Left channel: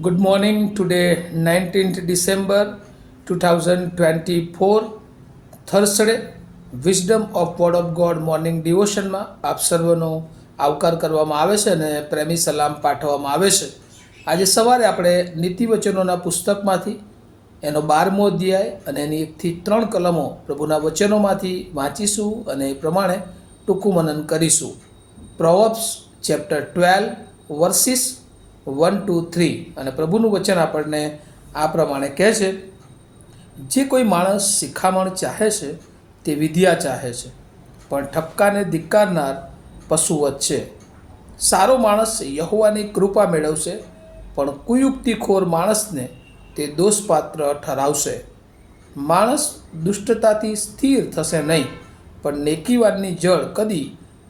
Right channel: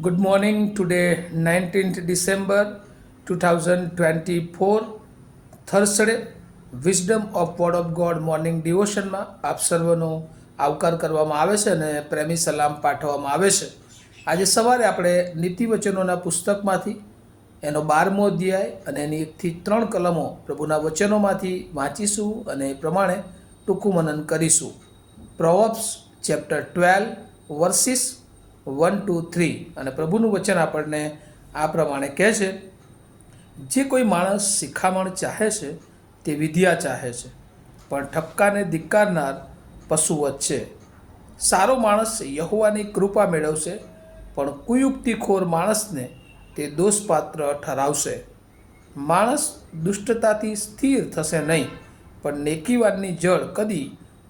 Good morning. Today, 19th December 2024, Thursday. Wisdom of word of God morning ડિવોશનમાં આપ સર્વનો આવકાર કરવામાં આવે છે અને પ્રેમી સલામ પાઠવવામાં આવે છે. આજે સવારે આપણે નીતિવચનોના પુસ્તકમાંથી એનો 12મો અધ્યાય અને એની 1 થી 3 કલમો પ્રભુના વચનોમાંથી વાંચીશું અને એ પ્રમાણે ટૂંકું મનન કરીશું. પ્રોવર્બ્સ ચેપ્ટર 12 વર્સિસ 1 to 3 અને પ્રભુનું વચન આપણને આ પ્રમાણે કહે છે, જે કોઈ માણસ શિખામણ ચાહે છે તે વિદ્યા ચાહે છે, પણ ઠપકાને ધિક્કારનાર પશુવત છે. સારો માણસ યહોવાની કૃપા મેળવશે, પણ કુયુક્તિખોર માણસને તે દોષપાત્ર ઠરાવશે. માણસ દુષ્ટતાથી સ્થિર થશે નહીં, પણ નેકીવાનની જળ કદી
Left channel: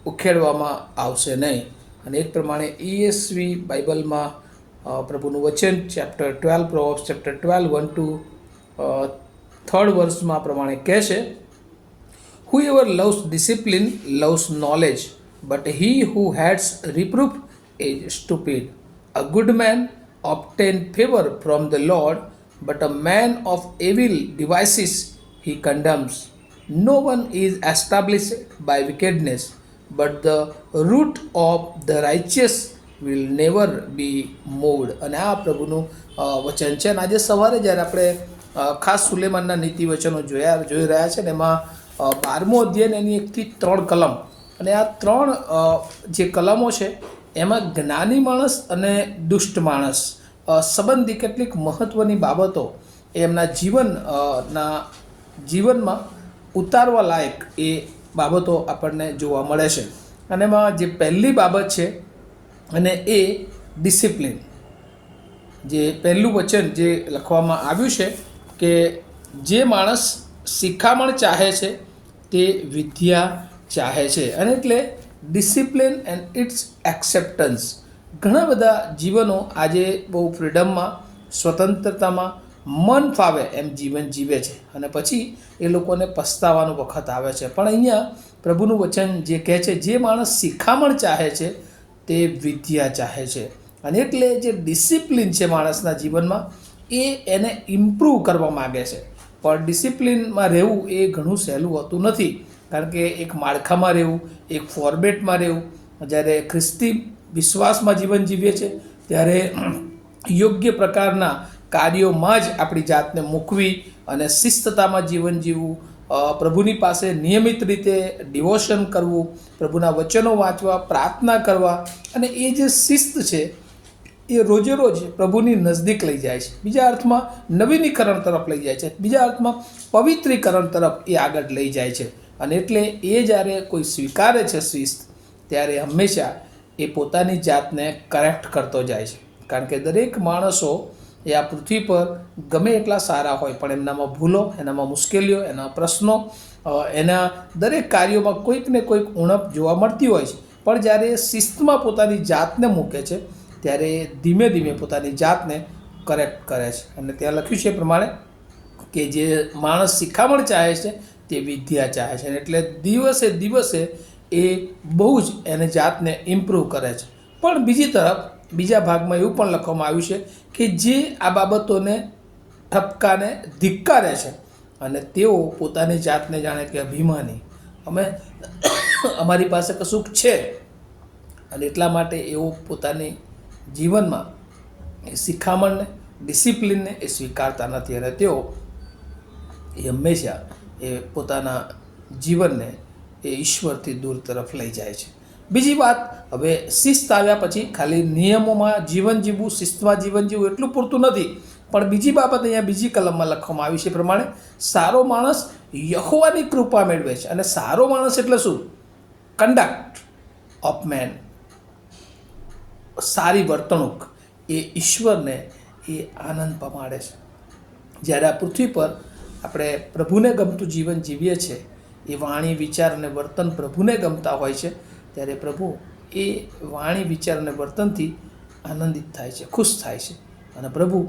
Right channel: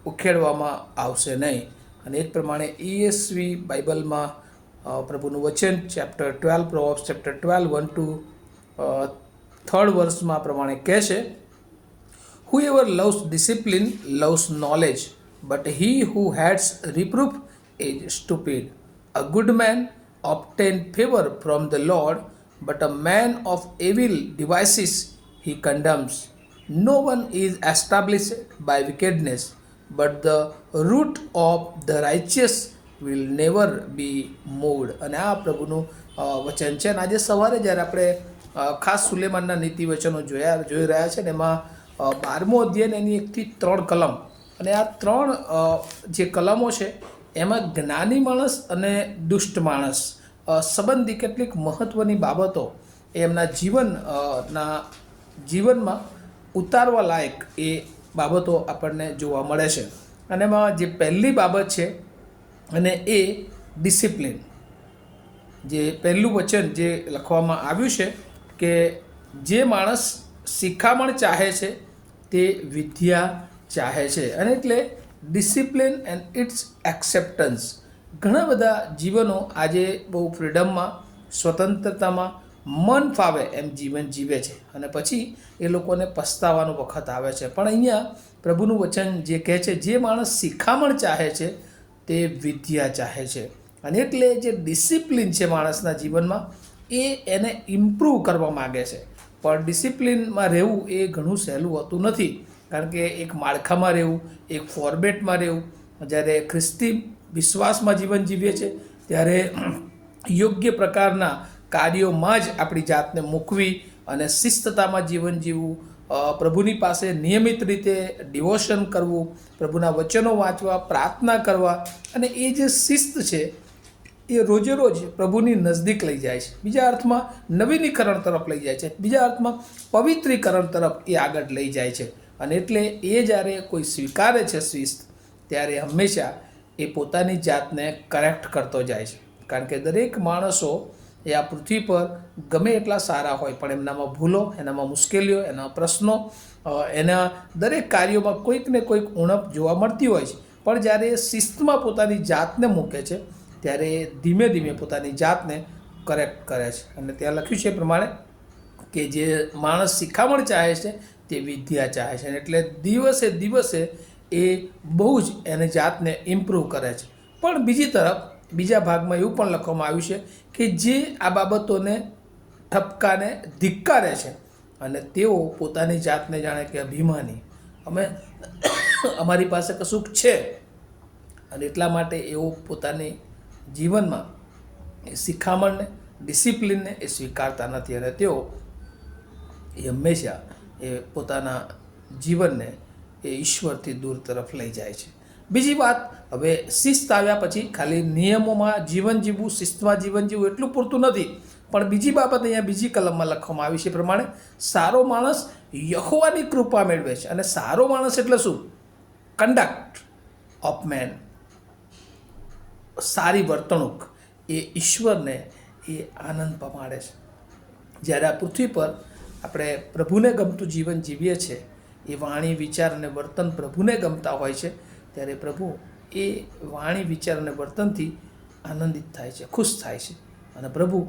ઉખેડવામાં આવશે નહીં. અને એ જ પ્રમાણે ESV બાઇબલમાં પ્રભુનું વચન ચેપ્ટર 12 પ્રોવર્બ્સ ચેપ્ટર 12 1 to 3rd વર્સમાં પ્રમાણે કહે છે, Whoever loves discipline loves knowledge, but he who hates reproof is stupid. A good man obtains favor from the Lord, but a man of evil devices he condemns. No one is established by wickedness, but the root of the righteous will never be moved. અને આ પ્રભુનું વચન છે. અને આજે સવારે જ્યારે આપણે ખાસ સુલેમાનના નીતિ વચનો જોઈ રહ્યા છે ને એમાં 12મો અધ્યાય એની 1 થી 3 કલમ, અને આ 3 જે કલમો છે એમાં જ્ઞાની માણસ અને દુષ્ટ માણસ સંબંધી કેટલીક મહત્ત્વની બાબતો એમના જીવનમાં ઉતારવા લાયક એ બાબતો આપણને જોવા મળે છે. અને એમાં જે પહેલી બાબત છે અને એ ડિસિપ્લિન. જે પહેલું વચન જે લખવામાં આવ્યું છે કે જે માણસ શિખામણ ચાહે છે તે વિદ્યા ચાહે છે. અને એટલે ડિસિપ્લિન એન્ડ ઇટ્સ એક્સેપ્ટન્સ. ઘણા બધા જીવનો આજે બહુ ફ્રીડમમાં, સ્વતંત્રતામાં, મન ફાવે એમ જીવન જીવે છે અને પછી એ લોકોને પસ્તાવાનો વખત આવે છે. પણ અહીંયા પ્રભુનું વચન જે કહે છે, જે માણસ શિખામણ ચાહે છે તે વિદ્યા ચાહે છે. અને એટલે જે ડિસિપ્લિન છે માણસના જીવનમાં એને ઇમ્પ્રૂવ કરવા માગે છે. પણ ડિસિપ્લિનમાં રહેવું એ ઘણું સહેલું હોતું નથી, કારણ કે એક માળખામાં રહેવું, એક ફોર્મેટમાં રહેવું. જ્યારે ખ્રિસ્તી વિશ્વાસમાં જીવન જીવીએ છીએ ત્યારે યોગ્ય પ્રકારના કાર્યોમાં જ આપણી જાતને મૂકવી અને શિસ્તતામાં જીવન જીવવું, પ્રભુની પાસે નિયમિત રીતે ડિવોશન કરવું, પ્રભુના વચનો વાંચવા, પ્રાર્થના કરવા. અને એ જે શિસ્ત છે એ રોજે રોજ પ્રભુની નજદીક લઈ જાય છે. બીજા અર્થમાં નવીનીકરણ તરફ લઈ જાય છે, બીજા અર્થમાં પવિત્રીકરણ તરફ એ આગળ લઈ જાય છે. અને એટલે એ જ્યારે કોઈ સ્વીકારે છે શિસ્ત, ત્યારે હંમેશા એ પોતાની જાતને કરેક્ટ કરતો જાય છે. કારણ કે દરેક માણસો એ આ પૃથ્વી પર ગમે એટલા સારા હોય, પણ એમનામાં ભૂલો, એનામાં મુશ્કેલીઓ, એના પ્રશ્નો, એના દરેક કાર્યોમાં કોઈક ને કોઈક ઉણપ જોવા મળતી હોય છે. પણ જ્યારે એ શિસ્તમાં પોતાની જાતને મૂકે છે ત્યારે ધીમે ધીમે પોતાની જાતને કરેક્ટ કરે છે. અને ત્યાં લખ્યું છે એ પ્રમાણે કે જે માણસ શિખામણ ચાહે છે તે વિદ્યા ચાહે છે. એટલે દિવસે દિવસે એ બહુ જ એને જાતને ઇમ્પ્રૂવ કરે છે. પણ બીજી તરફ બીજા ભાગમાં એવું પણ લખવામાં આવ્યું છે કે જે આ બાબતોને ઠપકાને ધિક્કારે છે અને તેઓ પોતાની જાતને જાણે કે અભિમાની, અમારી પાસે કશુંક છે, અને એટલા માટે એઓ પોતાની જીવનમાં એ શિખામણને, ડિસિપ્લિનને એ સ્વીકારતા નથી. અને તેઓ એ હંમેશા એ પોતાના જીવનને એ ઈશ્વરથી દૂર તરફ લઈ જાય છે. બીજી વાત, હવે શિસ્ત આવ્યા પછી ખાલી નિયમોમાં જીવન જીવવું, શિસ્તમાં જીવન જીવવું એટલું પૂરતું નથી. પણ બીજી બાબત અહીંયા બીજી કલમમાં લખવામાં આવી છે પ્રમાણે, સારો માણસ યહોવાની કૃપા મેળવે છે. અને સારો માણસ એટલે શું? કન્ડક્ટ ઓફ મેન, સારી વર્તણૂક એ ઈશ્વરને એ આનંદ પમાડે છે. જ્યારે આ પૃથ્વી પર આપણે પ્રભુને ગમતું જીવન જીવીએ છીએ, એ વાણી, વિચાર અને વર્તન પ્રભુને ગમતા હોય છે, ત્યારે પ્રભુ એ વાણી, વિચાર અને વર્તનથી આનંદિત થાય છે, ખુશ થાય છે. અને પ્રભુ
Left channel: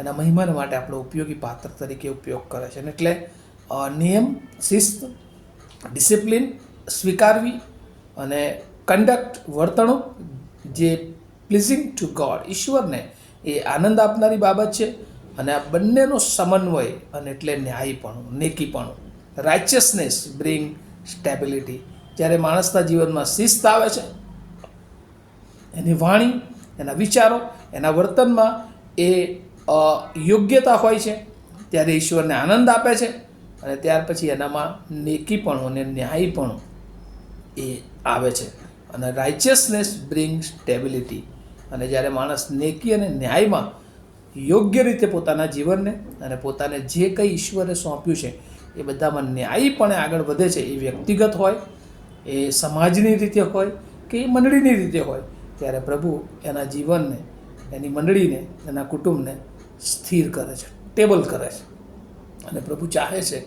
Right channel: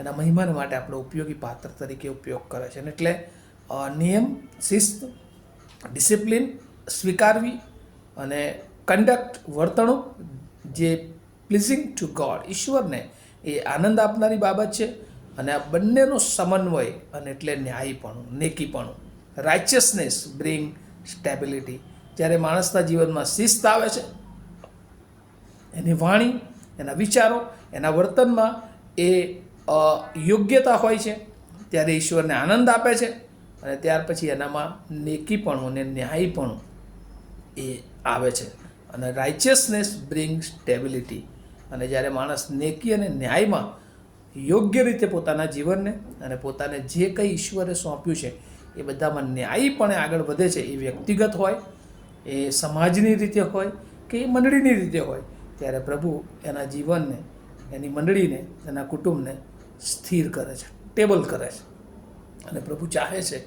એના મહિમાને માટે આપણો ઉપયોગી પાત્ર તરીકે ઉપયોગ કરે છે. અને એટલે નિયમ, શિસ્ત, ડિસિપ્લિન સ્વીકારવી અને કન્ડક્ટ, વર્તણૂક જે પ્લીઝિંગ ટુ ગોડ, ઈશ્વરને એ આનંદ આપનારી બાબત છે. અને આ બંનેનો સમન્વય અને એટલે ન્યાયીપણું, નેકીપણું, રાઇચિયસનેસ બ્રિંગ સ્ટેબિલિટી. જ્યારે માણસના જીવનમાં શિસ્ત આવે છે, એની વાણી, એના વિચારો, એના વર્તનમાં એ યોગ્યતા હોય છે, ત્યારે ઈશ્વરને આનંદ આપે છે. અને ત્યાર પછી એનામાં નેકીપણું અને ન્યાયીપણું એ આવે છે. અને રાઇચિયસનેસ બ્રિંગ સ્ટેબિલિટી. અને જ્યારે માણસ નેકી અને ન્યાયમાં યોગ્ય રીતે પોતાના જીવનને અને પોતાને જે કંઈ ઈશ્વરે સોંપ્યું છે એ બધામાં ન્યાયીપણે આગળ વધે છે, એ વ્યક્તિગત હોય, એ સમાજની રીતે હોય કે એ મંડળીની રીતે હોય, ત્યારે પ્રભુ એના જીવનને, એની મંડળીને, એના કુટુંબને સ્થિર કરે છે, ટેબલ કરે છે. અને પ્રભુ ચાહે છે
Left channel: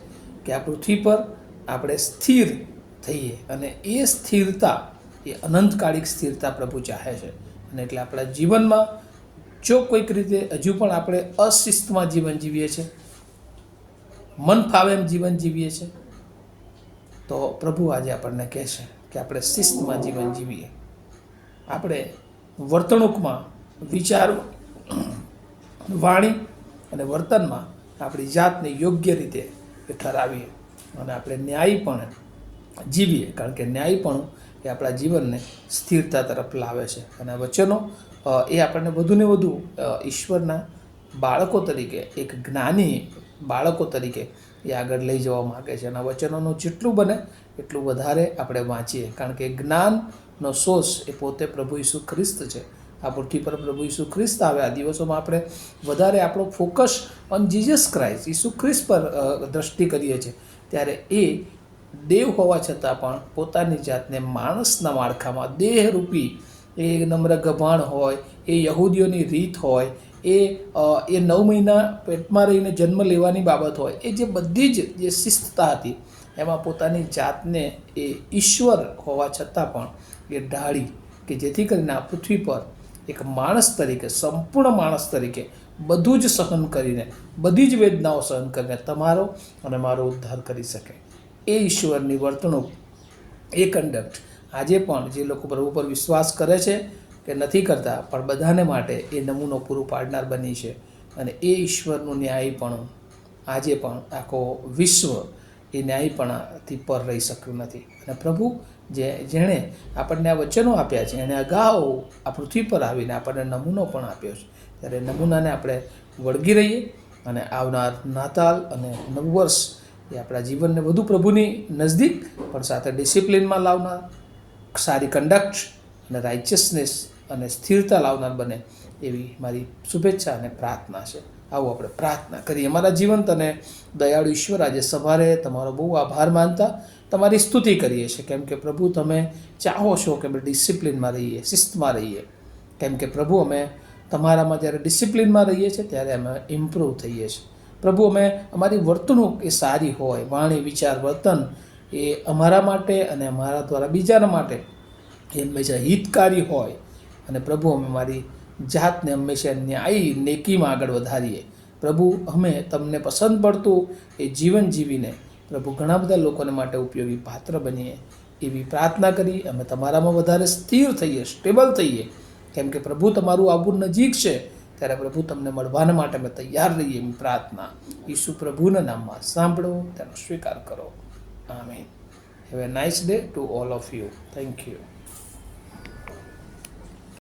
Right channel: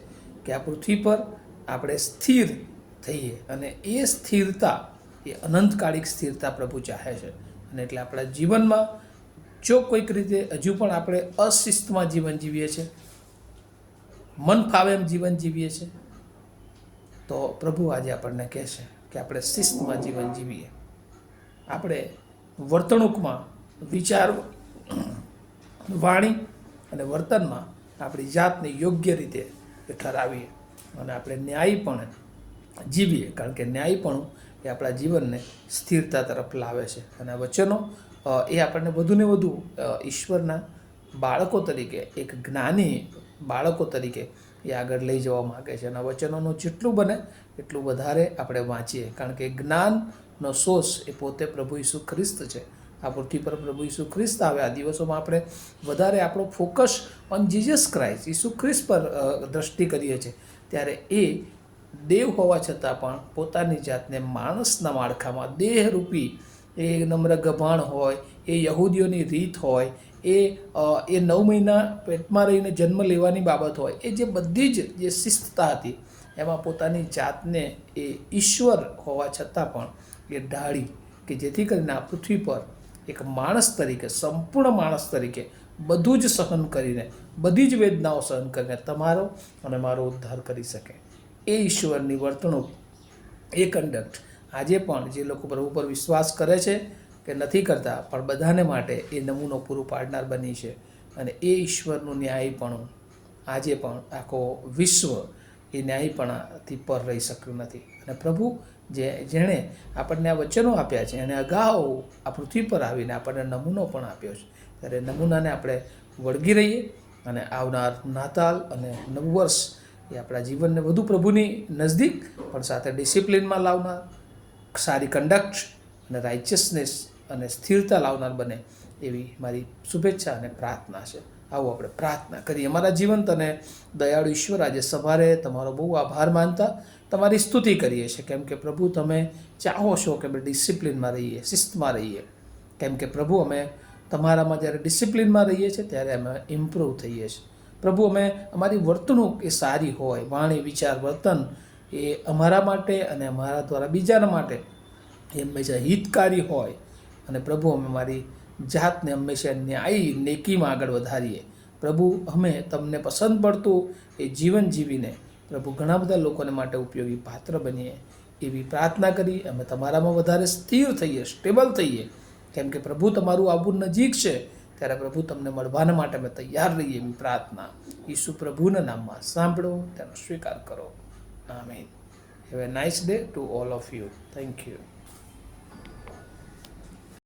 કે આ પૃથ્વી પર આપણે સ્થિર થઈએ. અને એ સ્થિરતા, એ અનંતકાળિક સ્થિરતા પ્રભુ ચાહે છે. અને એટલે આપણા જીવનમાં જો કોઈક રીતે હજુ પણ આપણે અશિસ્તમાં જીવન જીવીએ છીએ, મન ફાવે એમ જીવન જીવીએ છીએ, તો પ્રભુ આજે આપણને કહે છે કે આપણે શિસ્તમાં જીવન જીવીએ. આપણે વર્તણૂકમાં, વિચારો, વાણી અને વર્તનમાં આપણી જાતને યોગ્ય રીતે ઠરાવીએ અને આપણે ન્યાયીપણે જીવીએ. કારણ કે ન્યાયીપણું એ આપણા જીવનને સ્થિરતા તરફ લાવે છે. અને વચનો એ આપણને વધુને વધુ ઈશ્વરના બાળકો તરીકે, એક જ્ઞાની બાળકો તરીકે એ આગળ લઈ જવા માગે છે. અને વચનોનું જેટલું બને એટલું વધારે આપણે વાંચીએ. કારણ કે જ્ઞાનનો સોર્સ એ પોતે પ્રભુ ઈસુ ખ્રિસ્ત છે. આ પૃથ્વી પર પ્રભુ ઈસુ ખ્રિસ્ત આવે. આ દિવસોમાં આપણે વધારે આપણો ફોકસ ઓન જીસસ ક્રાઇસ્ટ, ઈસુ ખ્રિસ્ત પર દ્રષ્ટિ કરીએ છીએ. ત્યારે એ દેવ હોવા છતાં પણ પોતાની જાતને માણસના માળખામાં, દેહરૂપી, એ નમ્ર ગભાણ હોય, એ યહૂદીઓની રીત હોય, એ 9 મહિના પેટમાં રહીને જન્મ લેવાની બાબત હોય, એ જે બધી જ જે શિસ્તતા હતી, એમાં પોતાની જાતને એ ઈશ્વર હોવા છતાં પણ એ ઢાળી, કે જેથી કરીને આ પૃથ્વી પર એક માણસ તરીકે, સંપૂર્ણ માણસ તરીકે બધું જ સહન કરીને, બધી જ વેદનાઓ સહન કરીને તમારો અને મારો ઉદ્ધાર કરી શકે. એ ઈશ્વરની વર્તણૂક, એ કન્ડક્ટ આજે પણ જે લોકો પ્રભુ પર વિશ્વાસ કરે છે કે નથી કરતા, પણ બધાને માટે એ નમૂનો પૂરો પાડનાર બની છે. અને એ ઈશ્વરનું ન્યાયીપણું આજે પણ આખો વિશ્વ એ ન્યાયીપણાથી પર રહી શક્યું નથી. અને પ્રભુ જેણે આપણને આ વચનો આપ્યા છે, અને અગાઉ આ પૃથ્વી પર આવીને આપણને નમૂનો પણ આપ્યો છે, ત્યારે નમૂનાને આપણે વળગી રહીએ. અને આવનાર નાતાલ અને નવું વર્ષ એ આપણા જીવનને વધુ પ્રભુની નજદીક, પણ સાથે ડિસિપ્લિનમાં લાવનાર, સારી કન્ડક્ટ અને રાઇચિયસનેસ અને સ્થિરતા લાવનાર બને, એવી મારી શુભેચ્છા અને પ્રાર્થના છે. આવું આપણે પ્રાર્થના કરીએ. અમારા જીવંત અને દયાળુ ઈશ્વર, આજે સવારે તમારો બહુ આભાર માનતા તમારી સ્તુતિ કરીએ છીએ. કેમ કે પ્રભુ તમે ચાહો છો કે અમે ડિસિપ્લિનમાં રહીએ, શિસ્તમાં રહીએ. કેમ કે પ્રભુ અમે તમારામાં જ્યારે ડિસિપ્લિનમાં રહીએ છીએ ત્યારે અમે ઇમ્પ્રૂવ થઈએ છીએ. પ્રભુ અમે, અમારી વર્તણૂક એ સારી હોય, વાણી, વિચાર, વર્તન એ અમારા માટે અને અમારા દ્વારા બીજાના માટે એ હંમેશા હિતકારી હોય. અને પ્રભુ અમે મારી જાતને હંમેશા ન્યાયી, નેકીમાં આગળ વધારીએ. પ્રભુ અમે તમને પસંદ પડતું એ જીવન જીવીને પ્રભુ ઘણા બધા લોકોને માટે ઉપયોગી પાત્ર બનીએ, એવી પ્રાર્થના કરી. અમે તમારામાં વધારે સ્થિર થઈએ, સ્ટેબલ થઈએ. કેમ કે પ્રભુ તમારું આવવું નજીક છે, ત્યારે પ્રભુ તમને મળવાના માટે અમે તૈયાર રહીએ, એવી પ્રાર્થના ઈસુ પ્રભુના નામમાં સાંભળો, તેનો સ્વીકાર કરો. આમીન. Have a nice day to all of you. Thank you.